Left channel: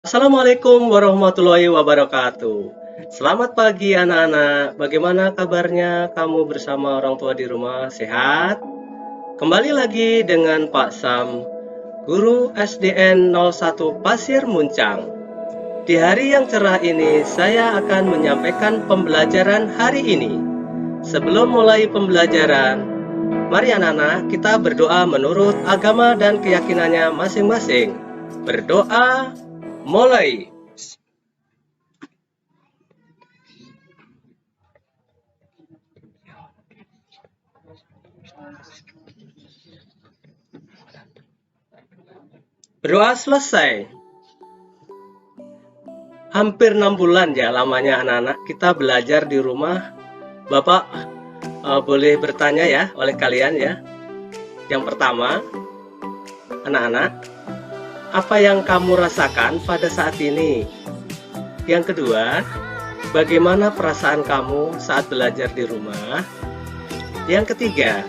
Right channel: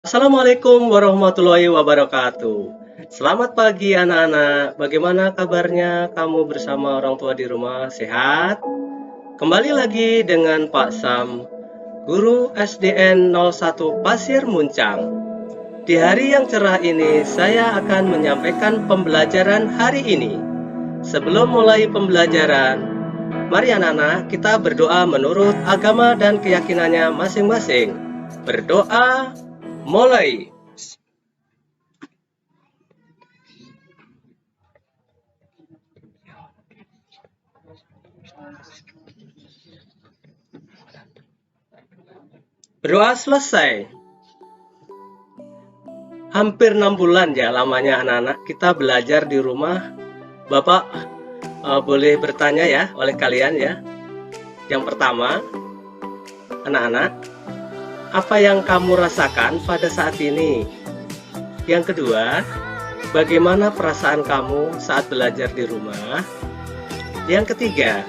Assalamualaikum warahmatullahi wabarakatuh. Selamat pagi anak-anak. Bagaimana kabarnya kamu bersama orang tua di rumah? Sehat? Kembali lagi dengan Pak Sam, guru SDN 01 Pasir Muncang. Di hari yang cerah ini, saya akan menyampaikan pembelajaran hari ini. Sebelum mulai pembelajaran, mari anak-anak kita berdoa menurut agama dan keyakinannya masing-masing. Berdoa, mulai. Berdoa selesai. Hampir 6 bulan ya lamanya anak-anak kita belajar di rumah. Bapak boleh bertanya ya oleh kalian ya. Yang pertama, anak-anak, apa yang kamu rasakan pada saat ini? Yang kedua, bagaimana perasaan kamu saat belajar di rumah? Yang ketiga,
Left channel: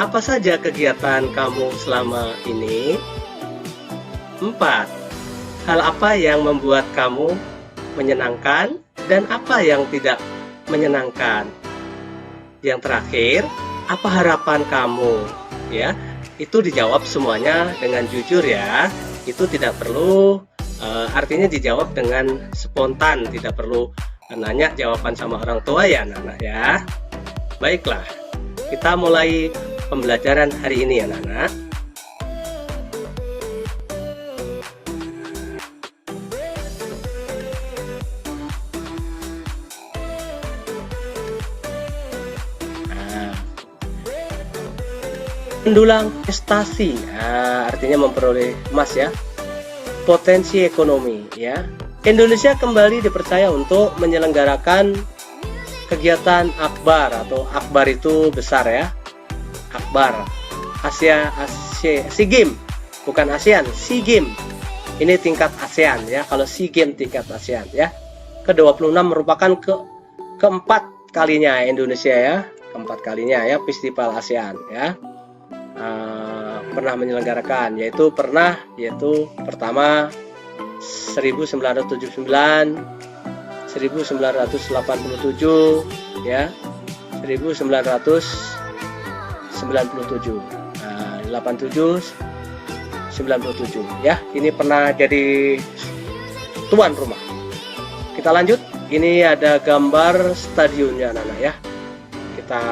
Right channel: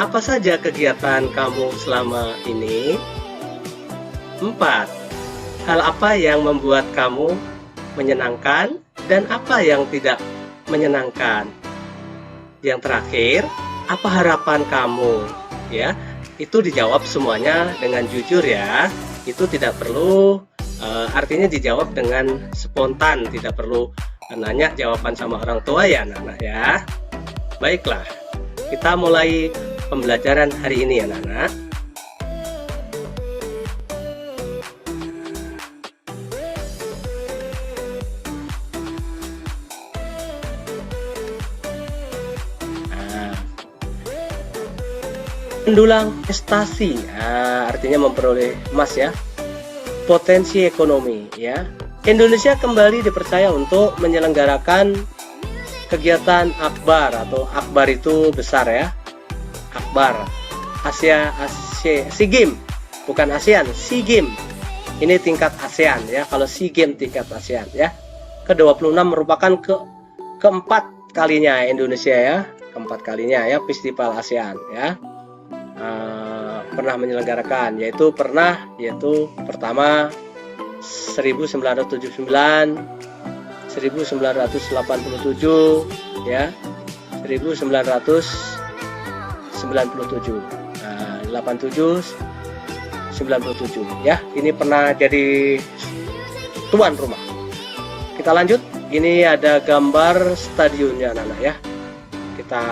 apa saja kegiatan kamu selama ini? 4. Hal apa yang membuat kamu menyenangkan dan apa yang tidak menyenangkan? Yang terakhir, apa harapan kamu? Ya, itu dijawab semuanya dengan jujur ya. Itu tidak perlu artinya dijawab dengan spontan, tidak perlu nanya jawaban sama orang tua ya anak-anak ya. Baiklah, kita mulai pembelajaran hari ini anak-anak. Mendulang prestasi, artinya memperoleh emas ya. Potensi ekonomi ya. Indonesia kembali dipercaya untuk menyelenggarakan kegiatan akbar, atau akbar itu besar ya. Akbar Asia SEA Games, bukan ASEAN, SEA Games. Ini tingkat ASEAN ya. Kalau SEA Games tingkat ASEAN ya. Ke-26 merupakan keempat kalinya Indonesia ya. Keempat kalinya ya festival ASEAN ya. Pernah menyelenggarakan, yaitu pertama 1979, 1987 ya, 1997, 87, 97 ya. Ini pernah jadi tuan rumah. Kita lanjut. Ini ada gambar stadionnya anak-anak ya. Kita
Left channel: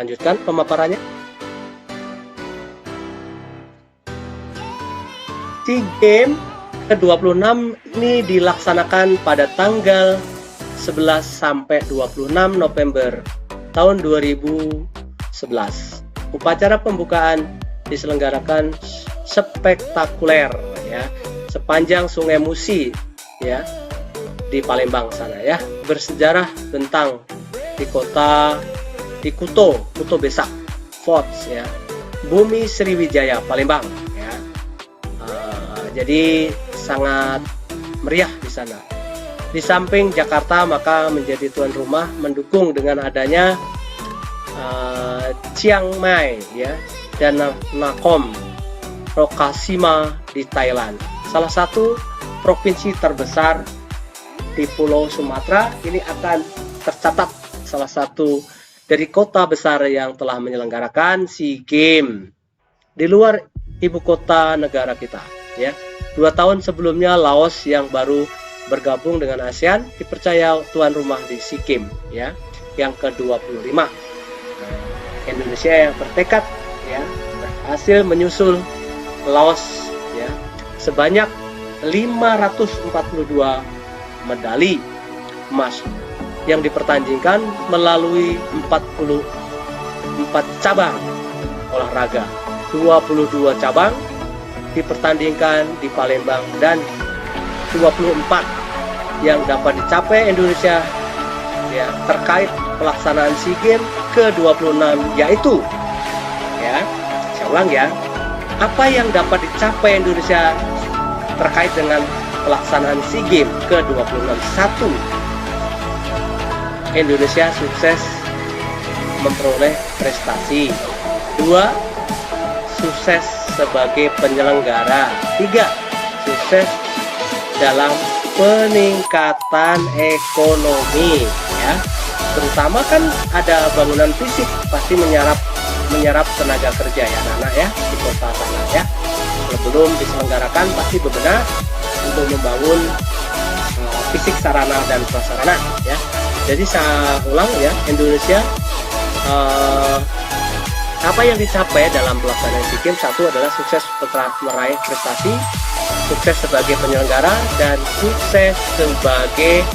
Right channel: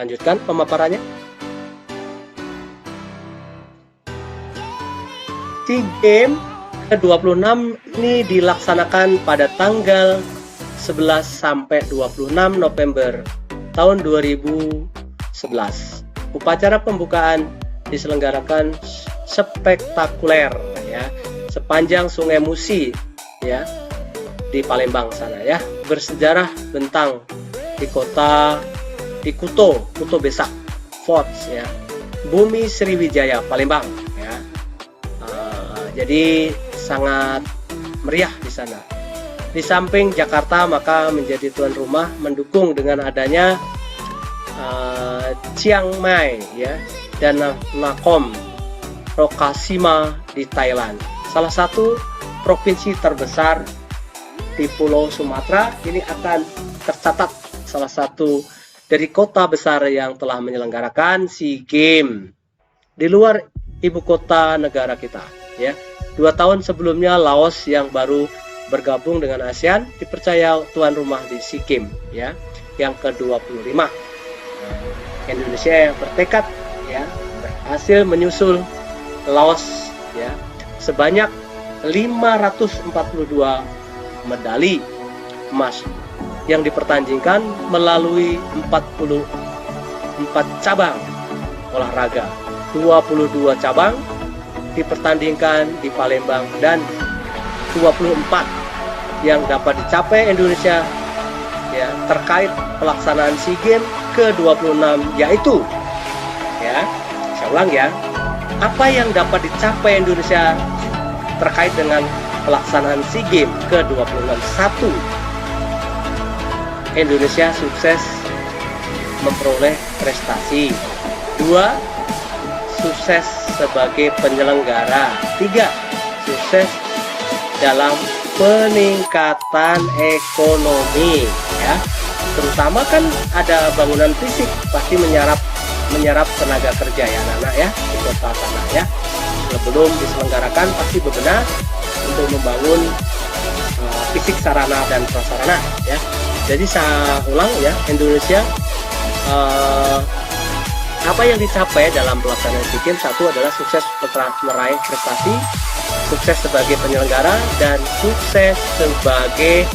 lanjutkan pemaparannya. SEA Games ke-26 ini dilaksanakan pada tanggal 11 sampai 26 November tahun 2011. Upacara pembukaan diselenggarakan spektakuler ya, sepanjang Sungai Musi ya, di Palembang sana ya. Bersejarah tentang di Kuto Besak Forts ya, Bumi Sriwijaya Palembang. Jadi sangat meriah di sana. Di samping Jakarta, maka menjadi tuan rumah mendukung dengan adanya Chiang Mai ya, dan Nakhon Ratchasima di Thailand. Salah satu provinsi terbesar di Pulau Sumatera ini akan tercatat salah satu dari kota besar yang telah menyelenggarakan SEA Games di luar ibu kota negara kita. Ya, 2 tahun sebelumnya Laos yang baru bergabung dengan ASEAN dipercaya tuan rumah di SEA Games ya, yang ke-25. Indonesia yang bertekad ya, berhasil menyusul Laos ya, sebanyak 542 medali emas yang dipertandingkan melalui 44 cabang olahraga, 22 cabang dipertandingkan di Palembang, dan 24 yang dapat dicapai Indonesia ya terkait pelaksanaan SEA Games ke-26, yaitu ya, saya ulang ya, apa yang dapat dicapai Indonesia terkait dengan pelaksanaan SEA Games ke-26. 1. Indonesia sukses memperoleh prestasi. 2. Sukses sebagai penyelenggara. 3. Sukses dalam peningkatan ekonomi ya. Terutama kan ada bangunan fisik pasti menyerap tenaga kerja ya anak-anak ya di kota sana ya. Sebelum diselenggarakan pasti bebenah untuk membangun fisik sarana dan prasarana ya. Jadi saya ulang ya, Indonesia apa yang dicapai dalam pelaksanaan SEA Games, satu adalah sukses meraih prestasi, sukses sebagai penyelenggara, dan sukses sebagai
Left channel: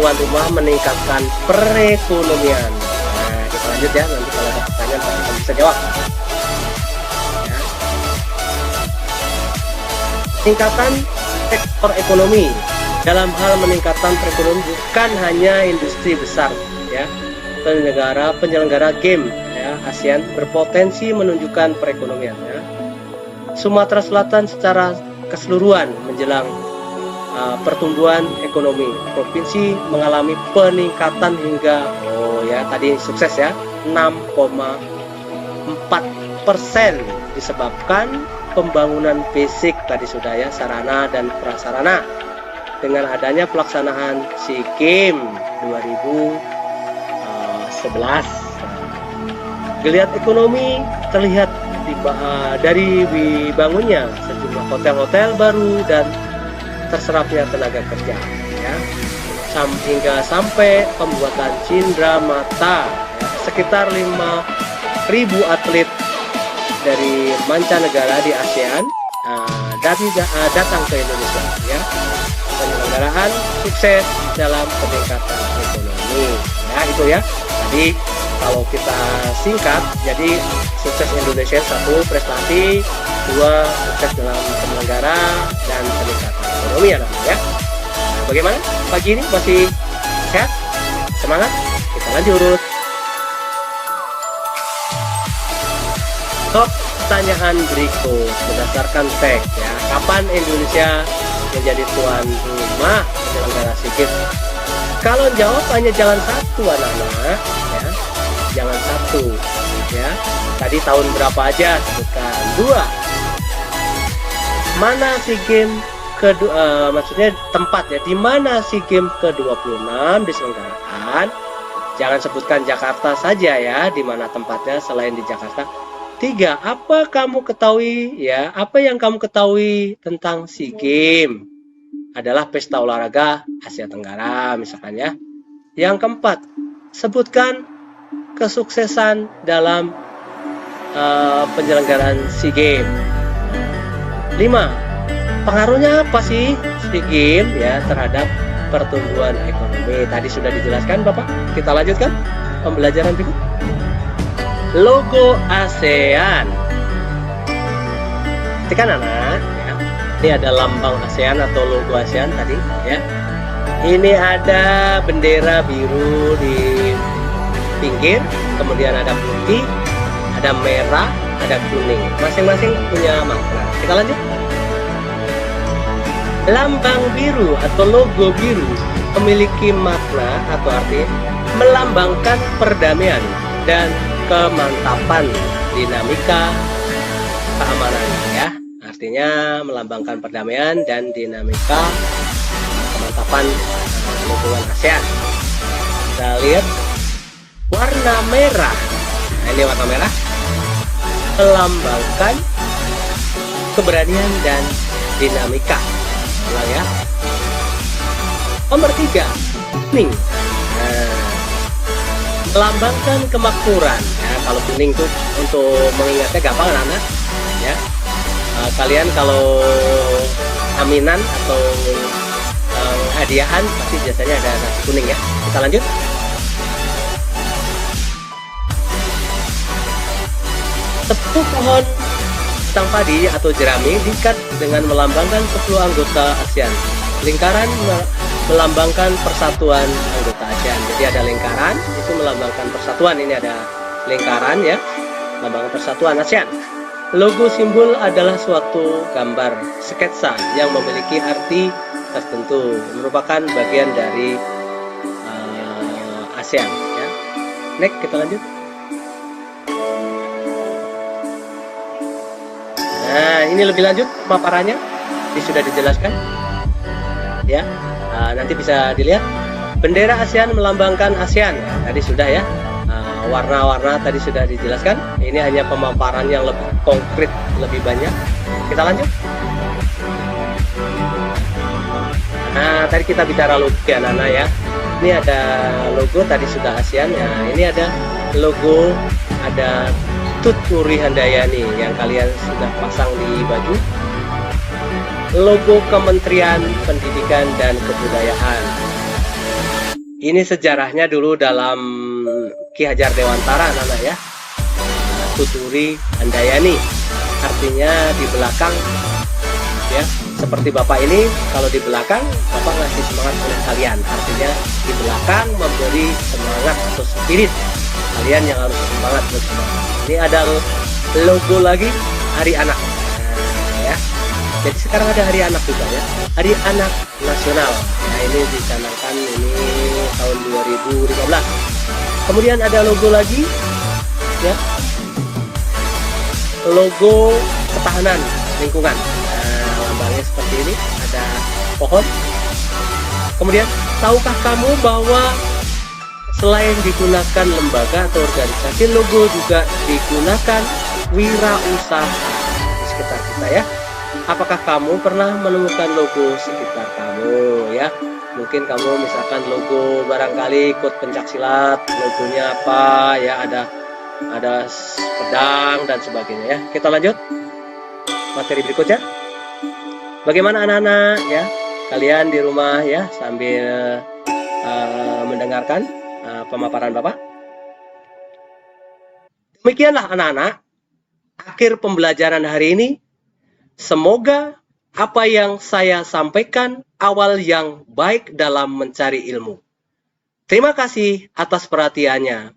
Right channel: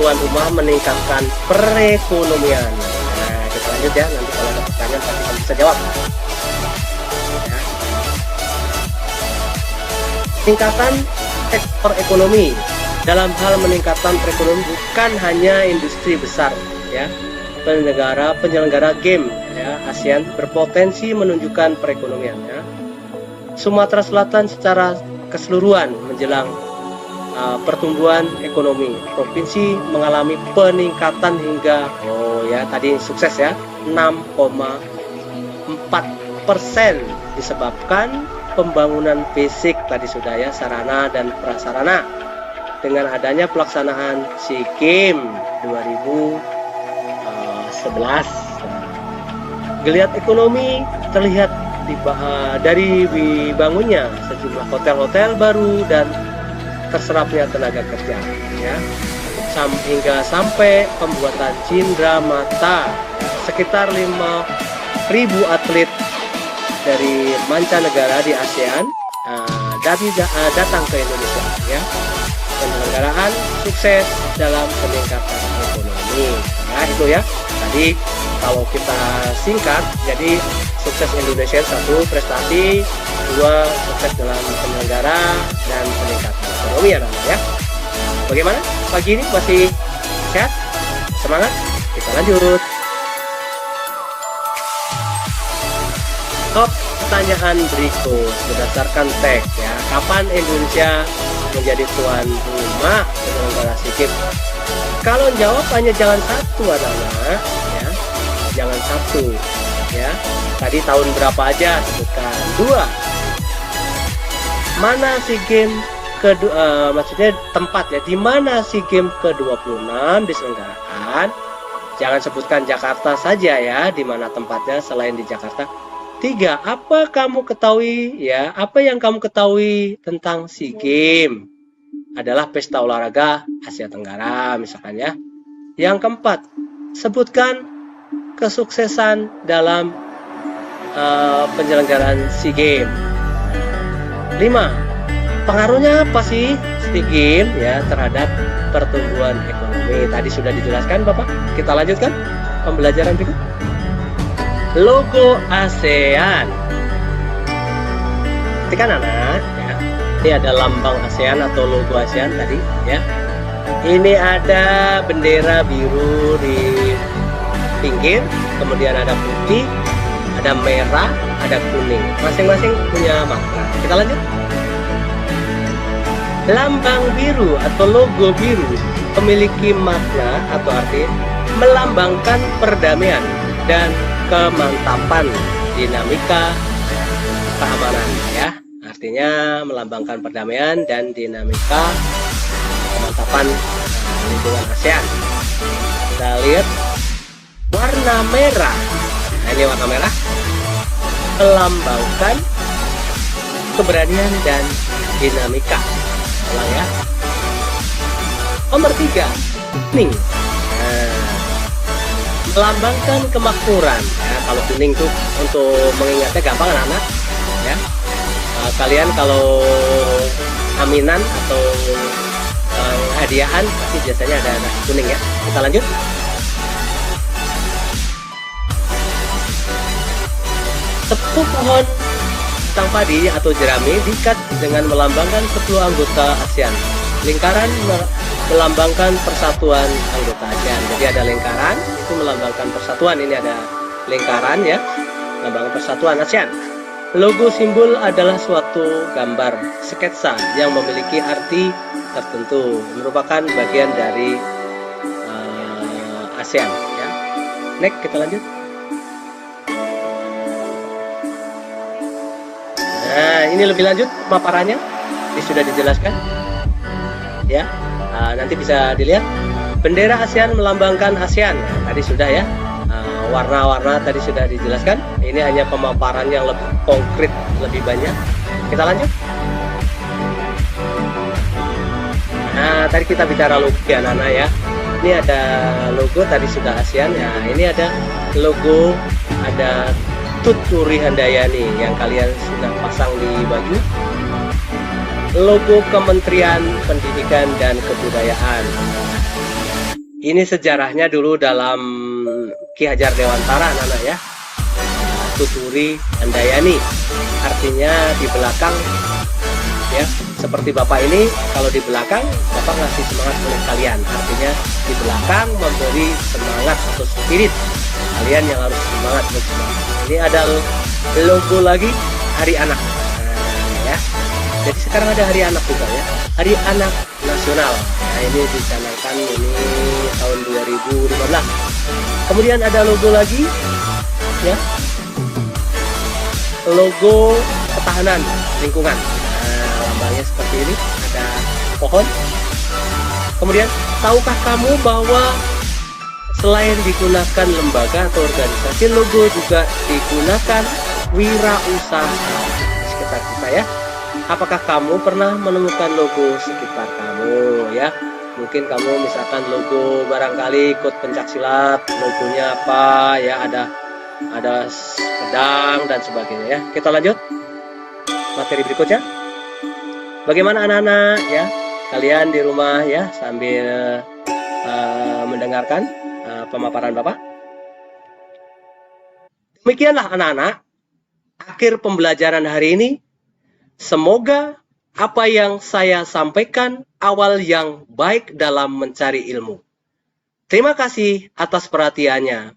tuan rumah meningkatkan perekonomian. Nah, kita lanjut ya, nanti kalau ada pertanyaan pasti kita bisa jawab. Ya. Tingkatan sektor ekonomi. Dalam hal meningkatkan perekonomian bukan hanya industri besar ya. Penyelenggara game ya, ASEAN berpotensi menunjukkan perekonomian ya. Sumatera Selatan secara keseluruhan menjelang pertumbuhan ekonomi. Provinsi mengalami peningkatan hingga tadi sukses ya 6,4% disebabkan pembangunan fisik tadi sudah ya, sarana dan prasarana. Dengan adanya pelaksanaan SEA Games 2011, geliat ekonomi terlihat dari dibangunnya sejumlah hotel-hotel baru dan terserapnya tenaga kerja ya, hingga sampai pembuatan cindera mata ya, sekitar 5.000 atlet dari mancanegara di ASEAN datang ke Indonesia ya. Penyelenggaraan sukses dalam peningkatan ekonomi ya, itu ya tadi kalau kita singkat. Jadi sukses Indonesia, satu prestasi, dua sukses dalam penyelenggara, dan peningkatan ekonomi ya. Bagaimana pagi ini, masih sehat, semangat? Kita lanjut. Top pertanyaan berikut berdasarkan teks ya. Kapan Indonesia menjadi tuan rumah penyelenggara SEA Games? Kalau jawabannya jalan satu anak-anak ya, jalan satu ya. Tadi tahun berapa aja sebutkan? 2. Mana SEA Games maksudnya tempat ya, di mana SEA Games ke-26 diselenggarakan? Jangan sebutkan Jakarta saja ya, di mana tempatnya selain di Jakarta. 3. Apa kamu ketahui ya? Apa yang kamu ketahui tentang SEA Games? Adalah pesta olahraga Asia Tenggara misalkan ya. Yang keempat, sebutkan kesuksesan dalam penyelenggaraan SEA Games. 5. Pengaruhnya apa sih SEA Games ya terhadap pertumbuhan ekonomi? Tadi sudah dijelaskan Bapak. Kita lanjutkan pembelajaran berikut. Logo ASEAN. Perhatikan anak ya. Ini ada lambang ASEAN atau logo ASEAN tadi ya. Ini ada bendera biru di pinggir, kemudian ada putih, ada merah, ada kuning. Masing-masing punya makna. Kita lanjut. Lambang biru atau logo biru memiliki makna atau arti melambangkan perdamaian dan kemantapan, dinamika keamanan ya. Artinya melambangkan perdamaian dan dinamika kemantapan lingkungan ASEAN. Kita lihat warna merah. Nah, ini warna merah melambangkan keberanian dan dinamika. Ulang ya. Nomor 3, kuning. Melambangkan kemakmuran. Kalau kuning tuh untuk mengingatnya gampang anak ya. Kalian kalau aminan atau hadiahan pasti biasanya ada nasi kuning ya. Kita lanjut. Tepung pohon batang padi atau jerami diikat dengan melambangkan kedua anggota ASEAN. Lingkaran melambangkan persatuan anggota ASEAN. Jadi ada lingkaran itu melambangkan persatuan. Ini ada lingkaran ya, melambangkan persatuan ASEAN. Logo simbol adalah suatu gambar sketsa yang memiliki arti tertentu, merupakan bagian dari ASEAN ya. Next, kita lanjut. Nah, ini lebih lanjut pemaparannya, ini sudah dijelaskan. ya. Nanti bisa dilihat bendera ASEAN melambangkan ASEAN. Tadi sudah ya. Warna-warna tadi sudah dijelaskan. Ini hanya pemaparan yang lebih konkret, lebih banyak. Kita lanjut. Nah, tadi kita bicara logo ya anak-anak ya. Ini ada logo tadi sudah ASEAN. Nah, ini ada logo, ada Tut Nuri Handayani yang kalian sudah pasang di baju. Logo Kementerian Pendidikan dan Kebudayaan. Ini sejarahnya dulu dalam Ki Hajar Dewantara anak-anak ya. Tut Nuri Handayani. Artinya di belakang ya, seperti Bapak ini, kalau di belakang Bapak ngasih semangat oleh kalian. Artinya di belakang memberi semangat atau spirit kalian yang harus semangat. Ini ada logo lagi Hari Anak. Nah, ya. Jadi sekarang ada Hari Anak juga ya, Hari Anak Nasional. Nah, ini dicanangkan ini tahun 2015. Kemudian ada logo lagi ya, logo Ketahanan Lingkungan. Lambangnya seperti ini, ada pohon. Kemudian, tahukah kamu bahwa selain digunakan lembaga atau organisasi, logo juga digunakan wirausaha di sekitar kita ya. Apakah kamu pernah menemukan logo sekitar kamu ya? Mungkin kamu misalkan logo barangkali ikut pencaksilat, logonya apa ya, ada pedang dan sebagainya ya. Kita lanjut materi berikutnya. Bagaimana anak-anak ya, kalian di rumah ya sambil mendengarkan pemaparan Bapak. Demikianlah anak-anak, akhir pembelajaran hari ini. Semoga apa yang saya sampaikan awal yang baik dalam mencari ilmu. Terima kasih atas perhatiannya.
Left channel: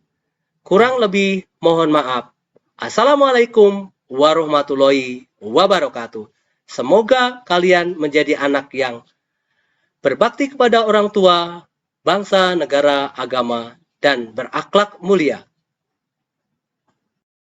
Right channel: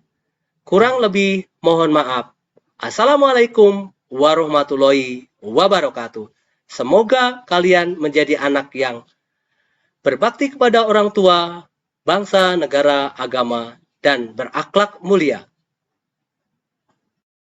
Kurang lebih mohon maaf. Assalamualaikum warahmatullahi wabarakatuh. Semoga kalian menjadi anak yang berbakti kepada orang tua, bangsa, negara, agama, dan berakhlak mulia.